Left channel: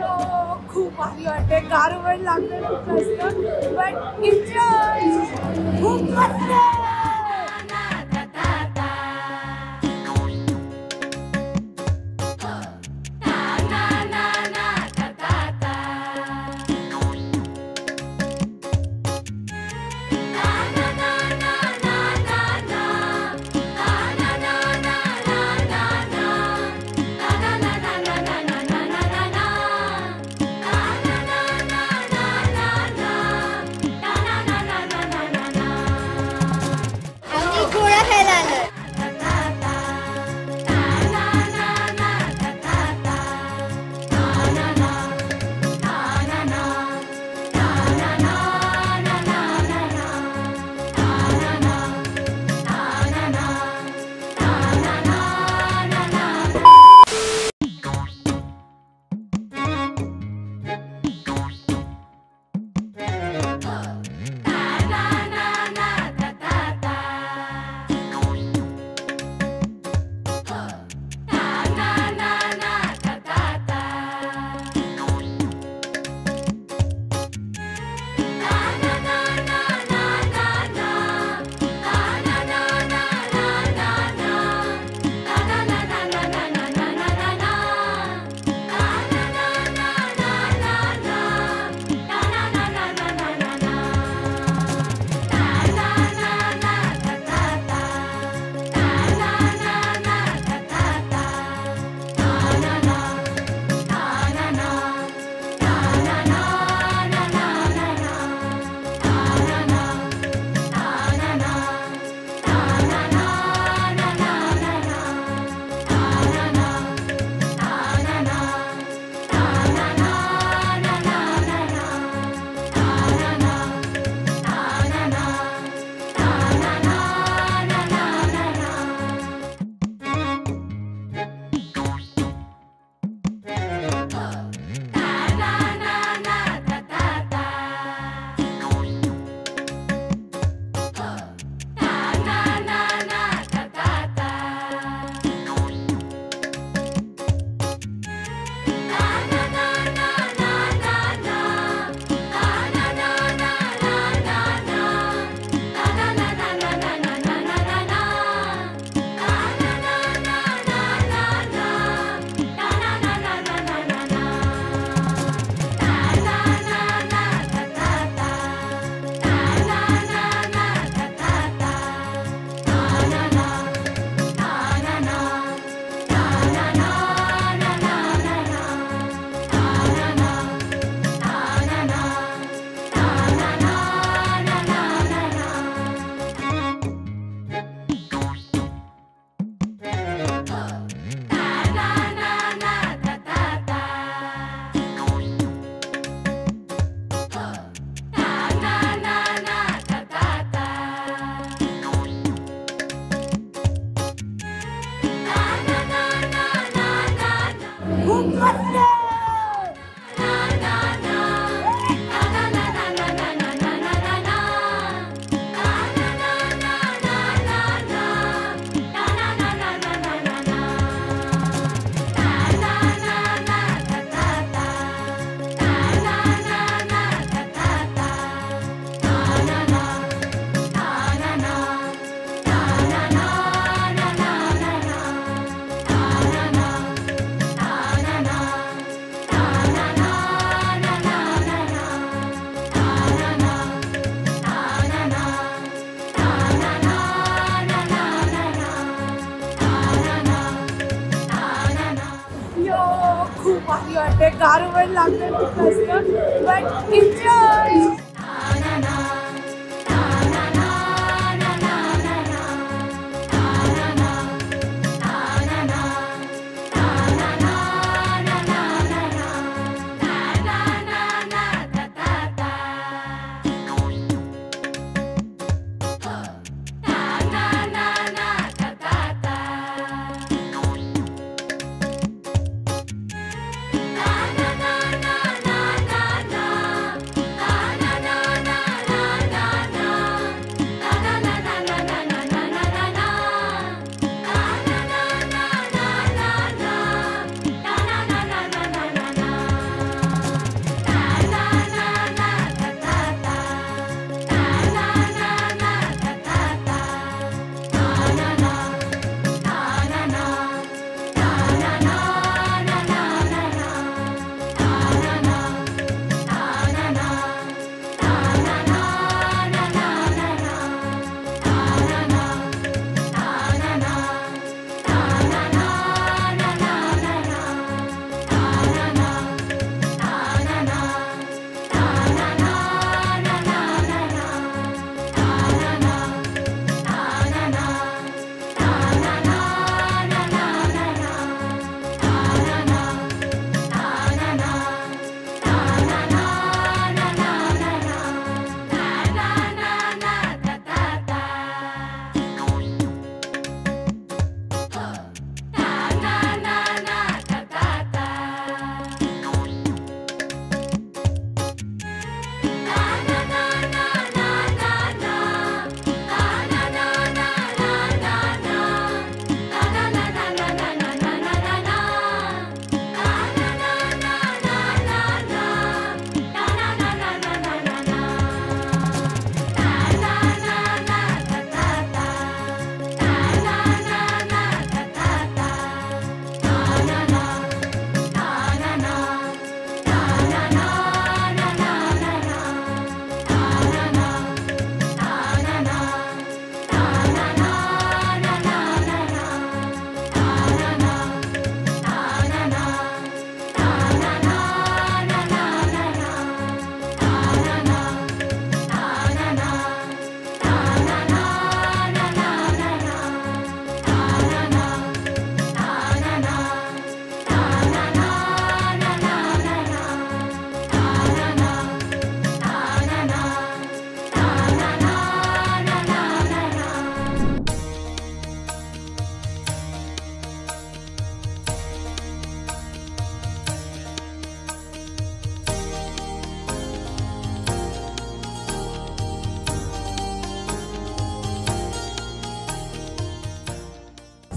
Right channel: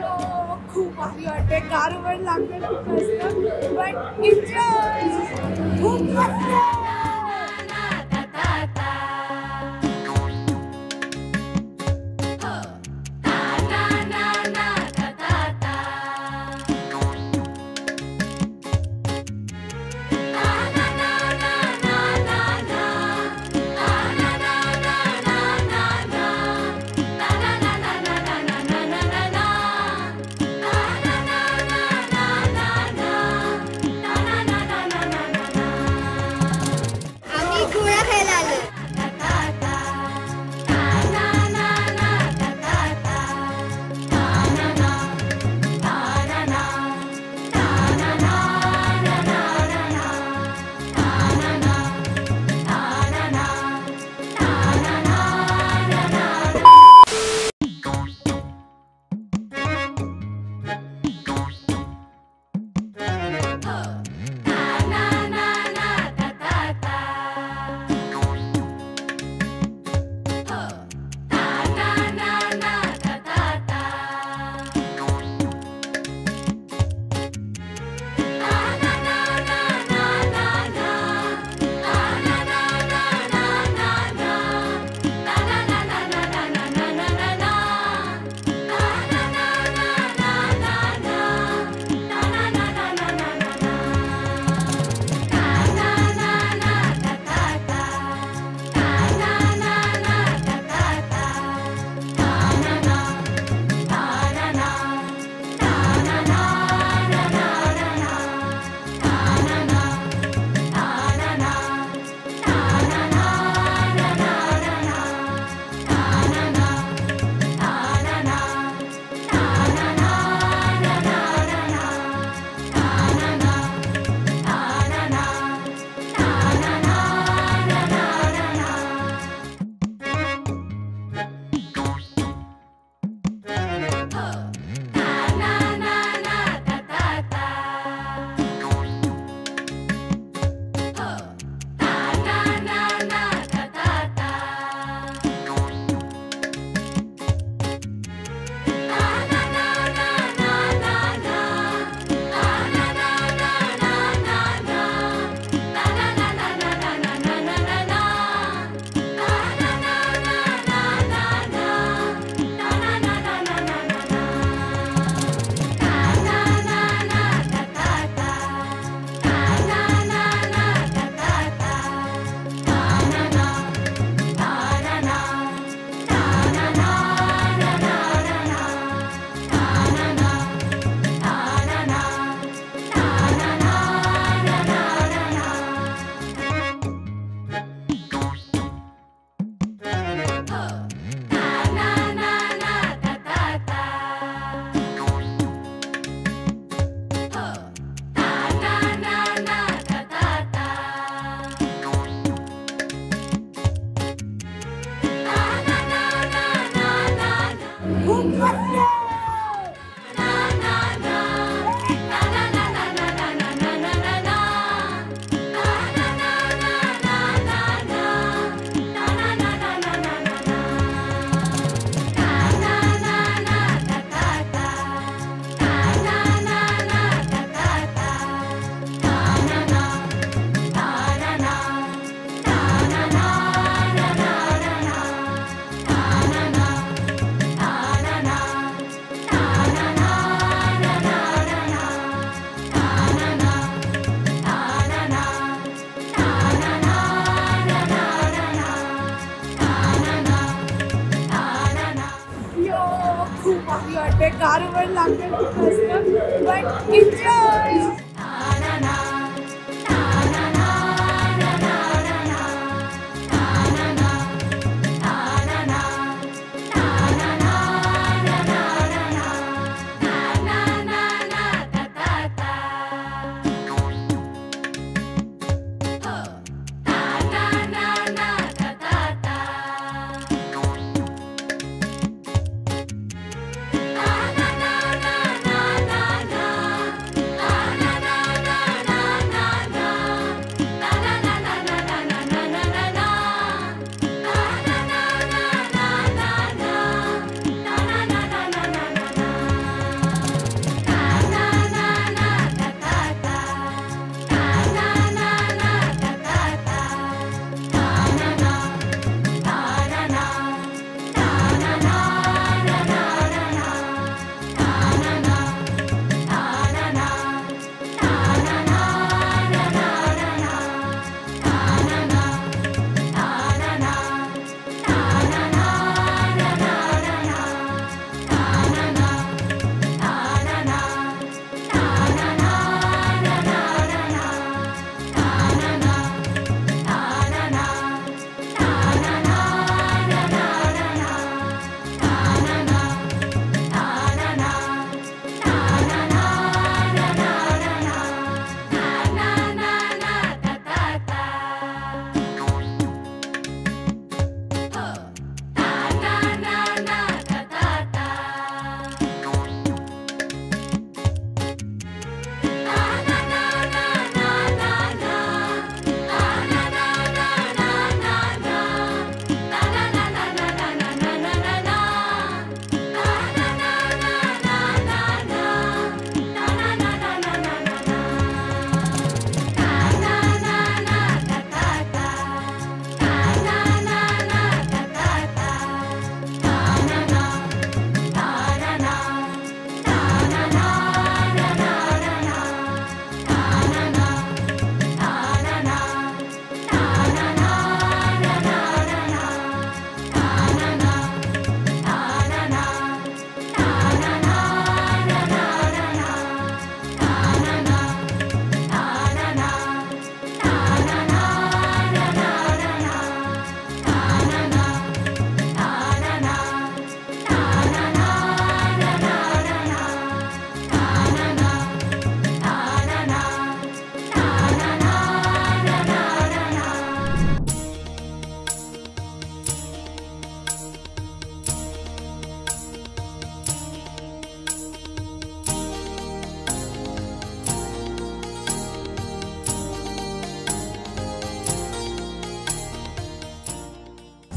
खूप भारी वाटते. कारवर लागते खूप जास्त, बट एन्जॉय खूप मस्त. खूप भारी वाटते. कारवर लागते खूप जास्त, but enjoy.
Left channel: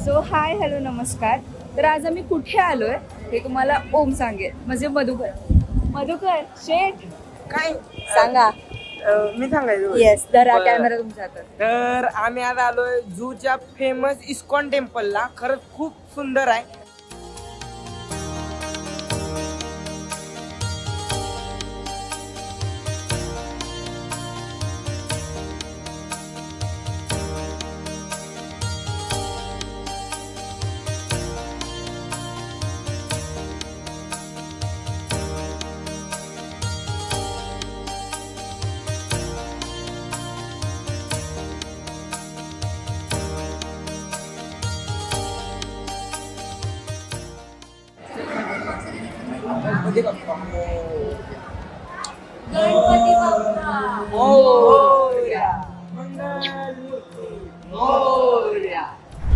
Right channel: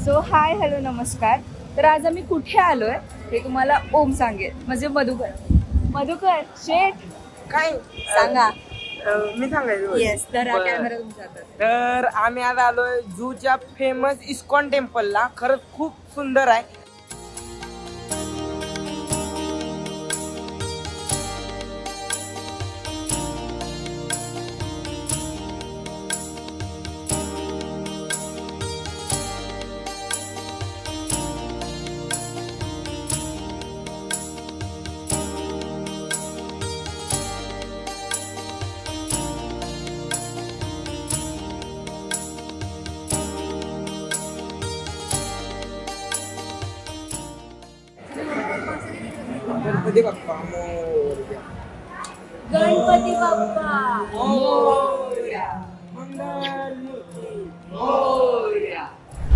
So hi hello नमस्कार. तर आज आम्ही कुठे आलोय हे तुम्हाला ओम सांगेल, म्हणजे मधुकर शेठ काय सांगा. मी सांगायचं येस, तर बरं. कॅमेरा तुमचा. तर आम्ही आज आलोय झूच्या फेमस इस्कॉन टेम्पलला. खरंच खूप सुंदर आहे. गणपती बाप्पा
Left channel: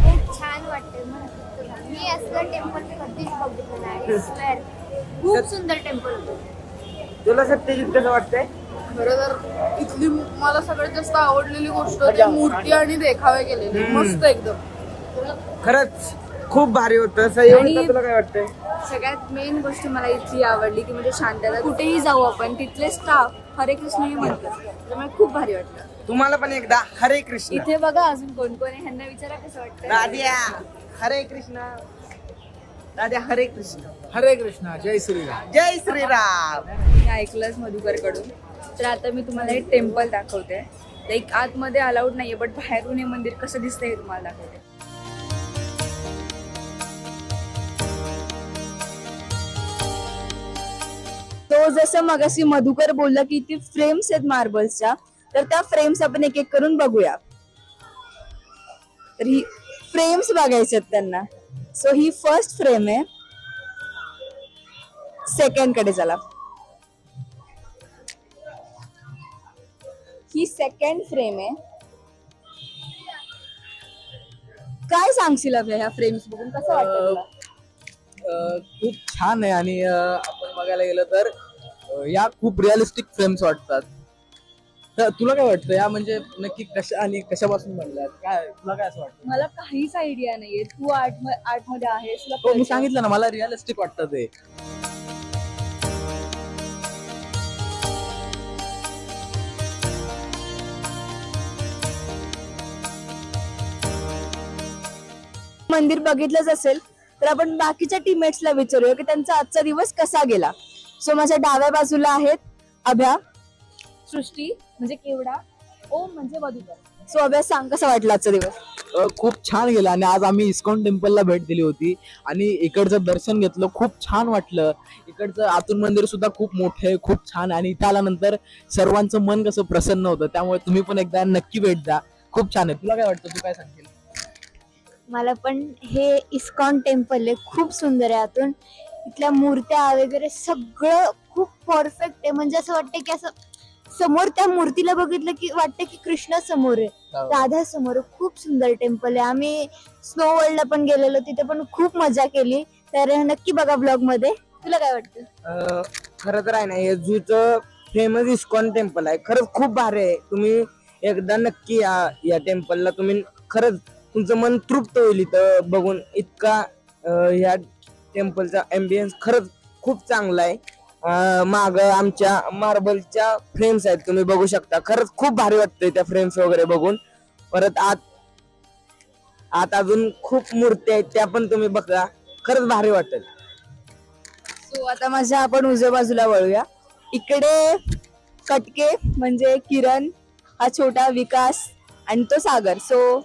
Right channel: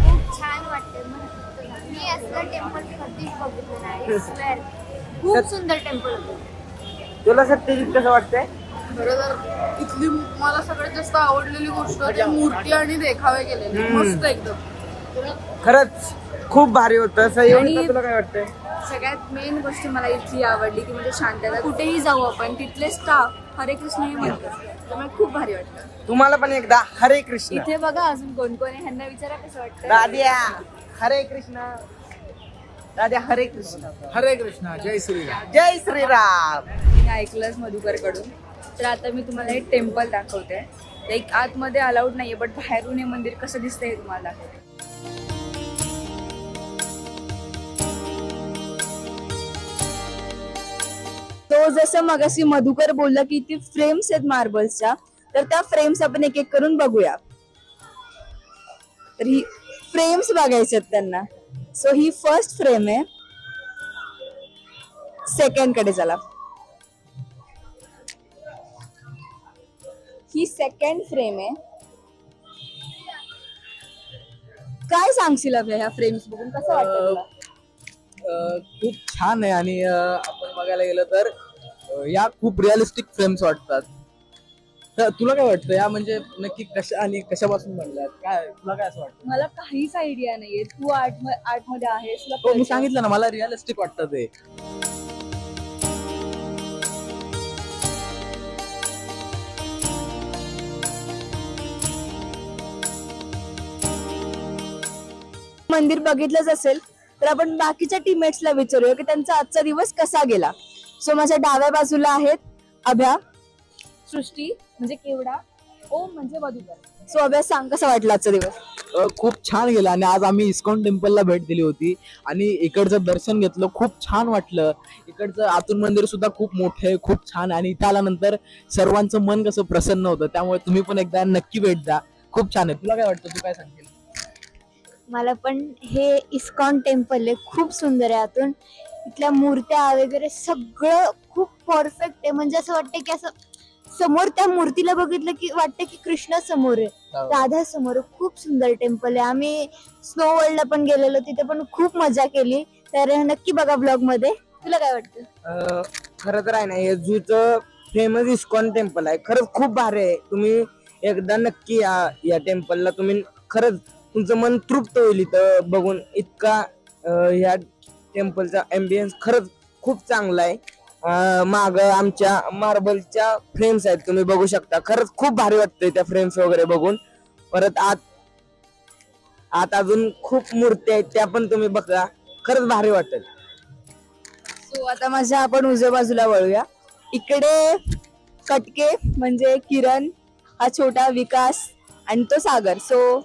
खूप छान वाटतंय. मी असलं टेम्पल कधीच बघितलं नाही. स्वेअर खूप सुंदर टेम्पल होतं. तुला सत्यजित कसं वाटतंय? खरं तर इथली मला सगळ्यात जास्त आवडलेली गोष्ट ते मूर्ती आणि देखावे केलेले मस्त एकदम. खरंच खूप भारी होतं. सह्योगिता तुला काय वाटतंय? सगळ्यात मेन गोष्ट मला इथली आवडली की म्हणजे शांतता. कुठेही जाऊ आपण तिथले स्टाफ हरे कृष्ण हे म्हणतात, त्यामुळे खूप भारी वाटतं. तुम्हाला पण एकदा हरे कृष्ण. इथे बघा अजून कोण कोण आहे, ह्यांना विचारा कसं वाटतं. राध्या हरे कृष्ण. राध्या हरे कृष्ण. हरे कृष्णा. जय श्रीराम. जय श्रीराम. मी ऐकलंच मधुकर कडून. तर आता मी तुम्हाला एक टेम्पल दाखवते. लाईक आतमध्ये अलाउड नाहीये, बट बाहेरून हे मंदिर कसं दिसतंय हे तुम्हाला दाखवते. तो जसं मगाशी मधुकर बोलला की ती फ्रेम्स आहेत मार्बल्सच्या, तर त्या फ्रेम्स आपण एक एक करून बघूया. तर ही फ्रेम्स बघायच्या आहेत त्यांना. सो ही फर्स्ट फ्रेम आहे. सेकंड कडे चला. ही सेकंड फ्रेम आहे. काय सांगशील अभ्या ह्या फ्रेम्स बघून कसं वाटतं तुला? खूप छान आहे आणि आपण बघायला गेलं तर या खूप रिअलिस्टिक फ्रेम्स वाटतात. तर तुला काय वाटतं या म्हणजे नक्की कशा आणि कशापासून बनल्यात? काय तुला काय असं वाटतं? मला काहीच आयडिया नाहीये. तू आर्ट मध्ये आहेस, तुला हो, मी कळतं. सांगितलं ना मला रिअलिस्टिक वाटतं ते. मंदिर बघितलंच असेल तर आपण बाकीच्या टीममेट्सला विचारूया की त्यांचा आजचा दिवस कसा गेला. सो माझ्या डाव्या बाजूला आहेत अभ्या, सृष्टी म्हणजे केवडा, ओम म्हणजे मधुकर. सो अभ्या सांग कसा वाटला आजचा दिवस? खूप छान गेला आणि आज आम्ही इस्कॉन टेम्पलला भेट दिली होती आणि इकडचं दर्शन घेतलं. खूप छान वाटलं. इकडचं आतून मंदिर सुद्धा खूप मोठं आहे, खूप छान आहे आणि इथं आल्यानंतर सर्वांचं मन कसं प्रसन्न होतं. त्यामुळे तुम्ही पण एकदा नक्की भेट द्या. खूप छान आहे. तुला काय वाटतं? तू काय सांगशील? मला पण हे इस्कॉन टेम्पल आहे, खूप सुंदर आहे. आतून इथल्या मूर्त्या वगैरे सगळं खूप परफेक्ट आहे. म्हणजे असं वाटतं की असं समोर त्या मूर्तीला बघितलं की वाटतं की कृष्ण समोर आहे, राधा समोर. खूप सुंदर टेम्पल आहे. आम्ही स्नो वर्ल्डला पण गेलेलो, तिथे पण खूप मजा केली. तर नक्की बघा ब्लॉग मध्ये. तुला काय वाटतं? खरं तर आहे ना, हे झूचं फेमस इस्कॉन टेम्पल आहे. खरंच खूप भारी आहे. तुम्ही एकदा नक्की या टेम्पलला. तुम्ही खरंच तुमचं मन तृप्त होईल इथं बघून. इतका ह्या टेम्पलचा एम्बियन्स खरंच खूप चांगला आहे. माग आमच्या मार्बलच्या फ्रेम्स आहेत, तुम्ही बघू शकता. खरंच खूप भारी वाटतंय त्या फ्रेम्स वगैरे बघून. परत आत अजून खूप मूर्ती आहेत, त्या पण तुम्ही बघा. खरंच भारी वाटेल. सो आता माझ्या आपण उजव्या बाजूला वळूया. इकडे कटके म्हणजे किरण, हा छोटा विकास आणि तो सागर. सो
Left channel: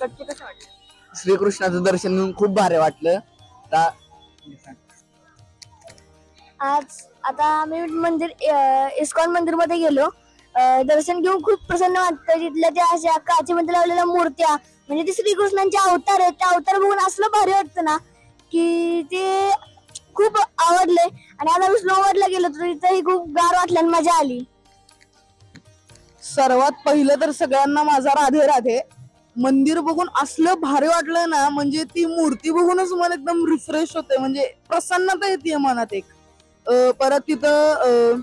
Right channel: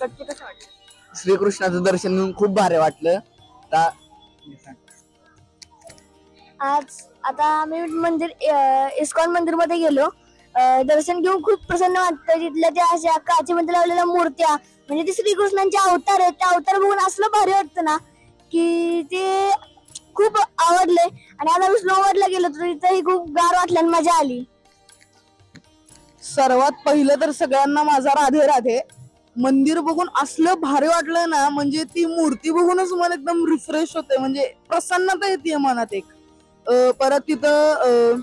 कटके कसं वाटलं? श्रीकृष्णाचं दर्शन घेऊन खूप भारी वाटलं. आज आता आम्ही मंदिर इस्कॉन मंदिर मध्ये गेलो. दर्शन घेऊन खूप प्रसन्न वाटतं. तिथल्या त्या अशा काचेमध्ये लावलेल्या मूर्त्या म्हणजे ते श्रीकृष्णांचे अवतार आहेत. त्या अवतार बघून असलं भारी वाटतं ना की ते खूप आवडले. आणि आता आम्ही स्नोवर्ल्डला गेलो तर तिथेही खूप गार वाटलं आणि मजा आली. सर्वात पहिलं तर सगळ्यांना माझा राधे राधे. मंदिर बघून असलं भारी वाटलं ना, म्हणजे ती मूर्ती बघूनच मन एकदम रिफ्रेश होते. म्हणजे प्रसन्नता येते मनात एक. परत तिथं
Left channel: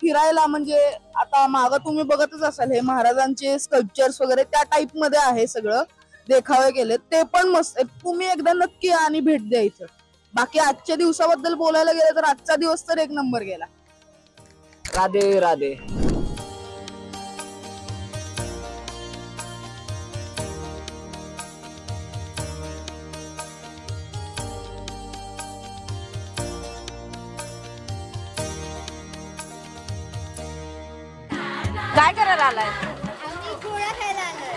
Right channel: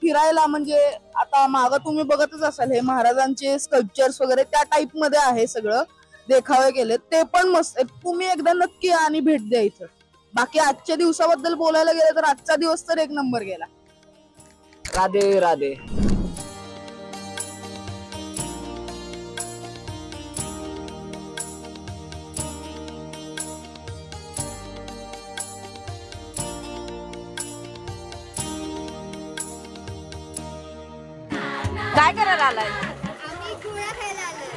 फिरायला म्हणजे आता मागं तुम्ही बघतच असाल हे महाराजांचे स्कल्पचर्स वगैरे त्या टाइप मध्ये आहे सगळं. देखावे केले ते पण मस्त आहेत. तुम्ही एकदा नक्की या आणि भेट द्यायचं. बाकी आजच्या दिवसाबद्दल बोलायला गेलं तर आजचा दिवस तर एक नंबर गेला. राधे राधे. काय करायला आलाय? आम्ही गोळा खायला आलोय.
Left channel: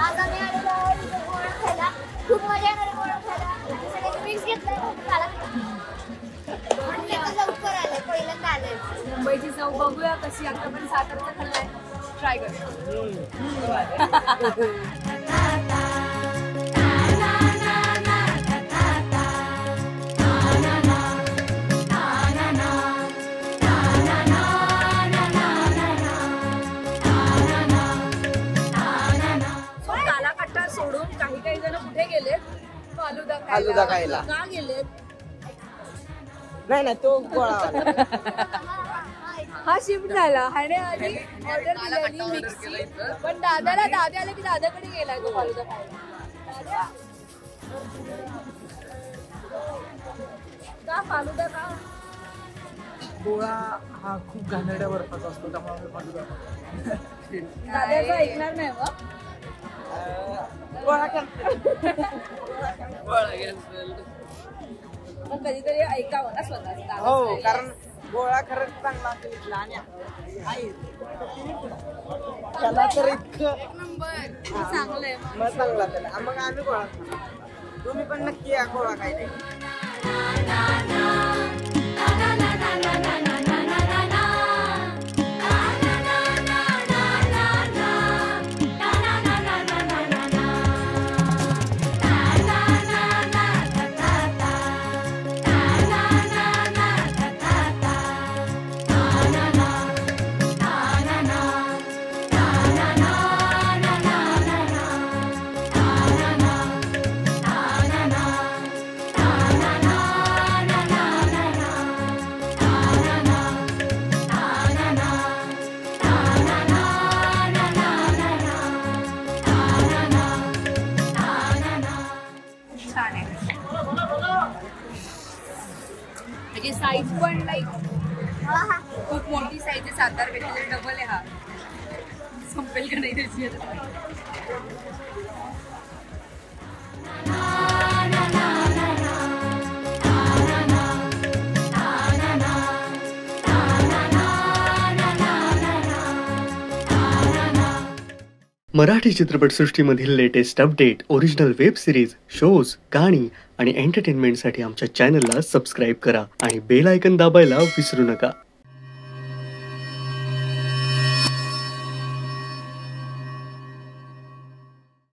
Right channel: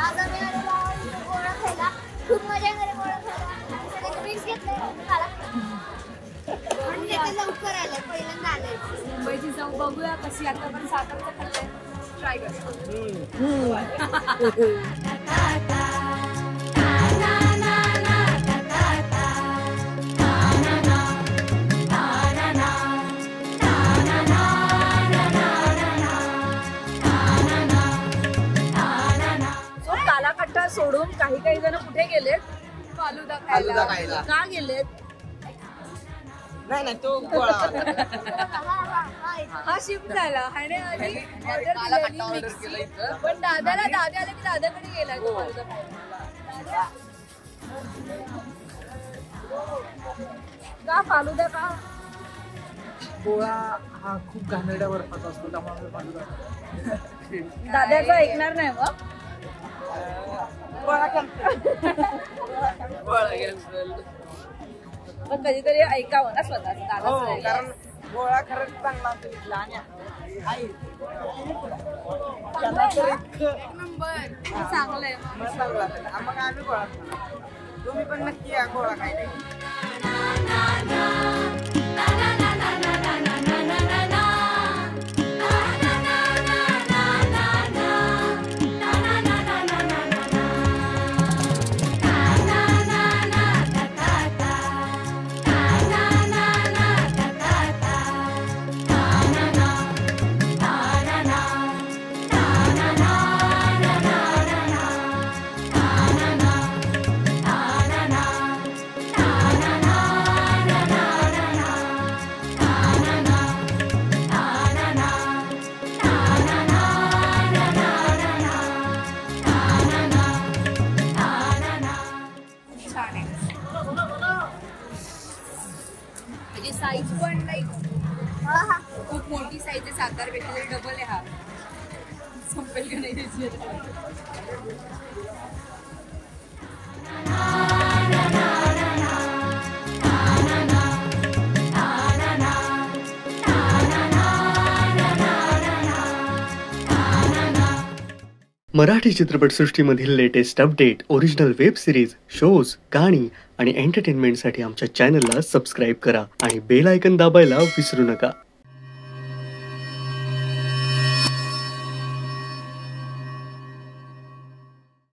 आज आम्ही आलेलो आहोत इथे गोळा खायला. खूप मजा येणार गोळा खायला. आम्ही सगळे ड्रिंक्स घेतले आणि आता लवकर आलं. पहिल्यांदा आलोय. मुंबईची चव बघूया कशी. आता पण सातारचा खाल्लाय, ट्राय करतो. कालाकट्टा सोडून काही जण कुठे गेलेत? फालुदा फालुदा खायला. का गेलेत? नाही तो गोळा. हा शिफ्ट झाला. ह्याने आधी ऑर्डर दिलेली पण दादा आले की दादाकडे गेला तो फालुदा खायला. का फालुदा का? गोळा हा खूप घाणेरड्या बर्फाचा असतो, त्यामुळे आम्ही फालुदा खातो. दादाचं ऐकणार नाही मग. कधीतरी ऐकावं ना स्वतः. हो, कारण गोळा खरंच चांगला असतो इथला. आणि चांगलंय. मग चांगला असेल मग आम्ही गोळा खाणार. तुम्ही पण नक्की या गोळा खायला. छान आहे. म्हणजे साईज पण लाईक खूप मोठी साईज आहे. सातारपेक्षा तरी डबल आहे. हा संपेल का नाही त्याची आता. मराठी चित्रपटसृष्टीमधील latest update, original web series, shows, गाणी आणि एंटरटेनमेंटसाठी आमच्या चॅनलला सबस्क्राईब करा आणि बेल आयकॉन दाबायला विसरू नका.